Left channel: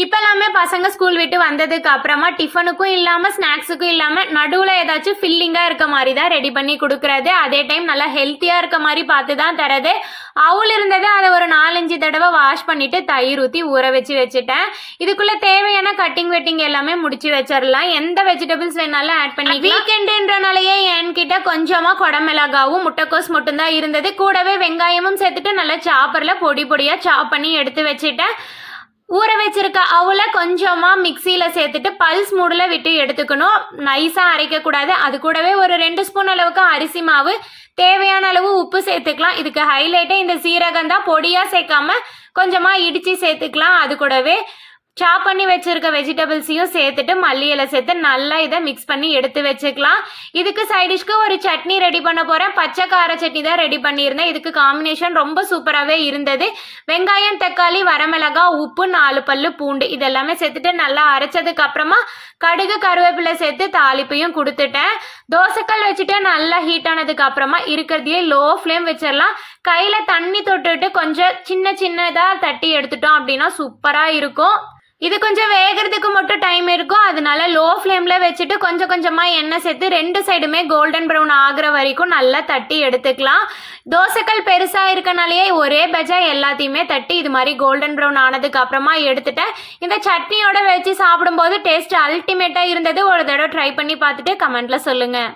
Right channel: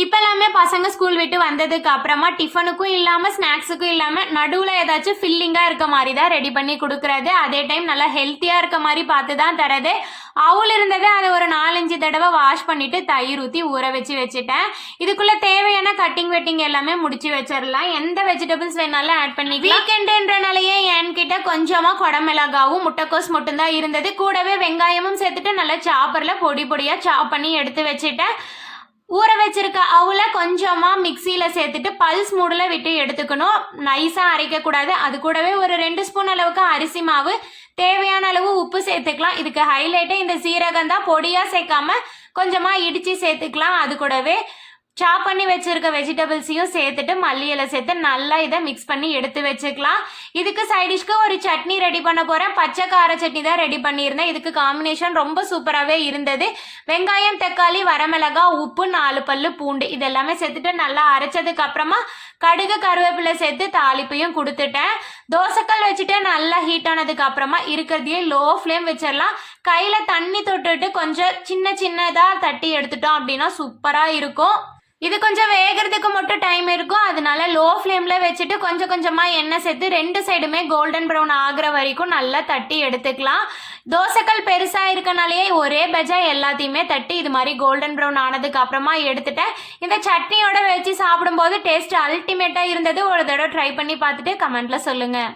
இப்போல்லாமே பசங்க ஸ்கூல் விட்டு வந்ததுக்கு அப்புறமா டிஃபனுக்கும் இல்லாமல் ஸ்நாக்ஸுக்கும் இல்லாமல் நடுவில் ஏதாச்சும் ஃபில்லிங்காக இருக்க மாதிரி தான் ரெடி பண்ணி கொடுக்குறது. அதே டைம் நல்லா ஹெல்த்தியாக இருக்க மாதிரி பார்த்து தான் தரது. அவுள் இருந்தது, அதை ஒரு 4-5 தடவை வாஷ் பண்ணிவிட்டு தயிர் ஊற்றி ஊற வச்சுட்டேன். இதுக்குள்ளே தேவையான கட்டிங் வெட்டிங் எல்லாமே முடிச்சு வச்சிடலாம். எந்த வெஜிடபிள்ஸ் வேணாலும் ஆட் பண்ணி. வீக்கெண்டுன்றனாலேயே என்கிட்ட கொஞ்சமாக குடமிளகாவும் முட்டைக்கோஸ் மட்டும்தான் இருந்தது. கூடவே வெங்காயமும் சேர்த்துட்டு நல்லா சாப்பரில் பொடி பொடியாக சாப் பண்ணி எடுத்து வச்சுட்டேன். ஊற வச்சிருக்க அவுல கொஞ்சமாக மிக்சியில் சேர்த்துட்டு பல்ஸ் மூடில் விட்டு எடுத்துக்கணும். நைஸாக அரைக்கக்கூடாது. அது கூடவே ஒரு 2 ஸ்பூன் அளவுக்கு அரிசி மாவு, தேவையான அளவு உப்பு சேர்த்துக்கலாம். இதுக்கு ஹைலைட்டே இந்த சீரகம் தான். பொடியாக சேர்க்காம கொஞ்சமாக இடித்து சேர்த்துக்கலாம். அது கூடவே சாப் பண்ணி வச்சிருக்க வெஜிடபிள்ஸையும் சேர்த்துட்டு மல்லி இலை சேர்த்து நல்லா இதை மிக்ஸ் பண்ணி எடுத்து வச்சுக்கலாம். இதுக்கு சைடிஷ்க்கு ஒரு சட்னி ரெடி பண்ண போகிறேன். பச்சை கார சட்னி தான் ரெடி பண்ணியிருந்தேன். இதுக்கு காம்பினேஷன் ரொம்ப சூப்பராகவே இருந்தது. வெங்காயம், தக்காளி, வரமிளகா, உப்பு, 4 பல்லு பூண்டு இதெல்லாமே சேர்த்துட்டு நல்லா அரைச்சதுக்கு அப்புறமா கடுகு, கருவேப்பிலை சேர்த்து தாளிப்பையும் கொடுத்துட்டேன். தோசைக்கல் வச்சுட்டு நல்லா ஹீட் ஆனதுக்கு அப்புறமா இருக்கிறதையே லோ ஃப்ளேம் வச்சிடலாம். கையில் தண்ணி தொட்டுட்டு கொஞ்சம் சின்னதாக தட்டி எடுத்துட்டோம் அப்படின்னா சூப்பராக இருக்கும். இது கொஞ்சம் வேகிறதுக்கு மட்டும் டைம் இருக்கும். அதனால லோ ஃப்ளேமில் வச்சுட்டு கொஞ்சமாக எண்ணெய் சேர்த்து 2 சைடுமே கோல்டன் ப்ரௌன் ஆகிற வரைக்கும் நல்லா தட்டி எடுத்துக்கலாம். தோசைக்கல் பெருசாக இருக்கனாலேயே ஒரே பஜா எல்லாத்தையுமே தட்டி இது மாதிரி கோல்டன் ப்ரௌன் ஆனதுக்கு அப்புறமா எடுத்துட்டேன். இந்த சட்னியோட வச்சு சாப்பிடும்போது டேஸ்ட் அல்டிமேட்டாக இருந்தது. ஒரு தடவை ட்ரை பண்ணி பார்த்துட்டு கமெண்ட்டில் சொல்லுங்கள்.